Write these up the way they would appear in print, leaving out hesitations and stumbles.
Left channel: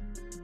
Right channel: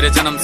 मेरे जन्म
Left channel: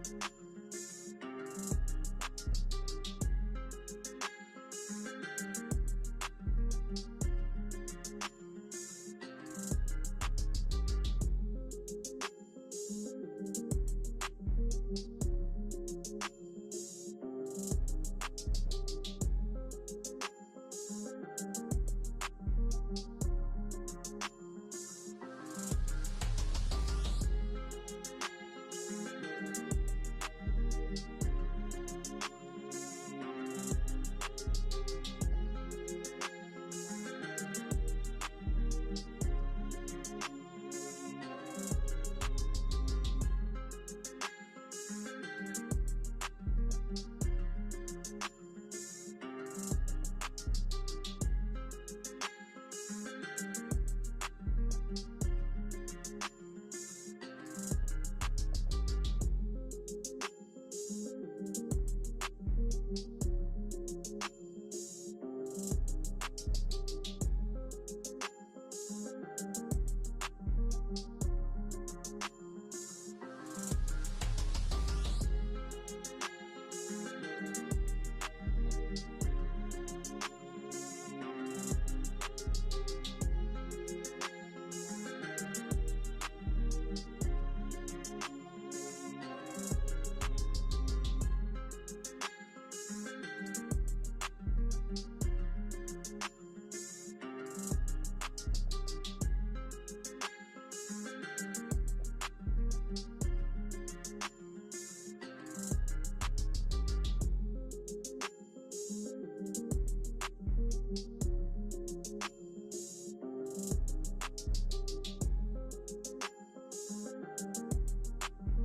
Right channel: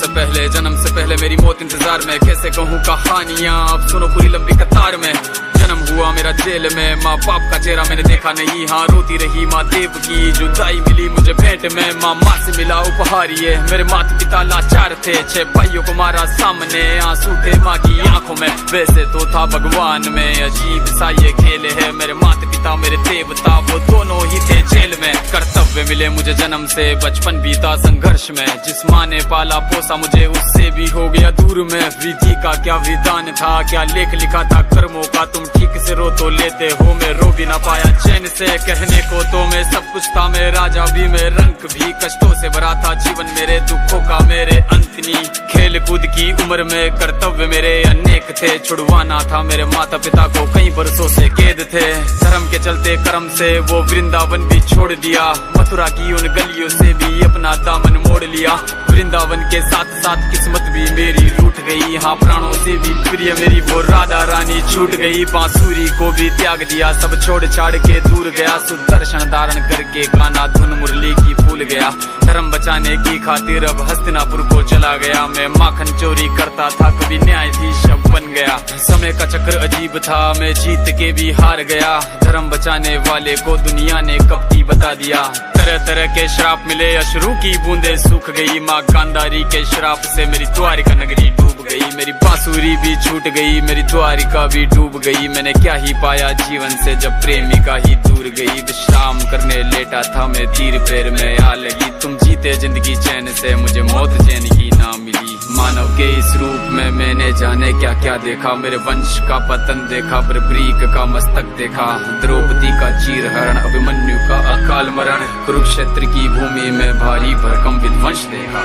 से पहले मेरी मौत इंतजार में। कैसे कहूँ कहानियाँ, अब सुनो पूरी लंबी कतार में। जन्म हुआ मेरा जेल में, माँ बाप का चेहरा मैंने देखा नहीं। हाँ रोती रही माँ देव की, जुदाई मिली मुझे भेंट में। माँ से मिला उपहार ये, मेरे माता पिता लाचार थे। 6 भाइयों को मारा सामने, आंसू थे माँ की आंखों में। वैसे तो था भगवान में, अजीब सा ये खेल है। मेरे माता पिता मेरे देवता, वो दोनों ही थे जेल में। कर्तव्य मिले मुझे जन्म से, बचपन बीता संघर्ष में। जिस माँ ने पाला पोसा मुझे, उससे भी हो गया दूर में। विधि का क्या विधान था, क्या लेख लिखा था कर्मों का। तुम ठीक से रो तो लेते हो, मैं रो भी ना पाया चैन से। कहने को तो मैं सब कुछ था, मैं राजा भी, मैं रंग भी। कष्टों से भरा था जीवन मेरे, दुखों का मेरे अंत नहीं। खेल कूद की उम्र में कर्तव्य मेरे अनेक थे। छुड़वाना था मेरे माता पिता को, कई बरसों से कैद थे। धर्म के चलते कर्म से वो वृंदावन भी छोड़ दिया। मथुरा की उन गलियों से भी अपना दामन मोड़ लिया। वृंदावन के साथ साथ किस्मत भी मेरी रूठ गई। हाँ प्राणों से भी प्रिय मेरी वो राधा रानी छूट गई। बांसुरी को भी त्याग दिया, सब छोड़ छाड़ के दूर गया। सुदर्शन धारण करके गाना धुन मुरली की भूल गया। धर्म बचाने की खातिर अब हस्तिनापुर को चला गया। मैं माखन चोरी करता था, कभी न्यायाधीश अब बन गया। समय का चक्र अजीब था, मैं जीत के भी हार गया। धर्म बचाने वाले को दुनिया ने कपटी बता दिया। तरह तरह के श्राप मिले, अश्रु की बूंदे सूख गई। माँ गांधारी के श्राप से मेरी द्वारिका नगरी डूब गई। मेरी बांसुरी भी छूट गई, मेरी द्वारिका भी डूब गई। मैंने क्या ही पाया जीवन से, जब प्रेमिका ही दूर गई। विश्राम करने लेटा था मैं, तीर पैर में आ लगी। तुम जीते जिंदगी चैन से, मुझे मौत चैन की ना मिली। मानव के इस रूप में मैंने जाने क्या क्या देखा। मेरे वंश का पतन देखा, बर्बरीक का मस्तक देखा। द्रौपदी का चीर हरण, अभिमन्यु का अकाल मरण। कुरुक्षेत्र की भूमि में भारी भरकम विध्वंस देखा।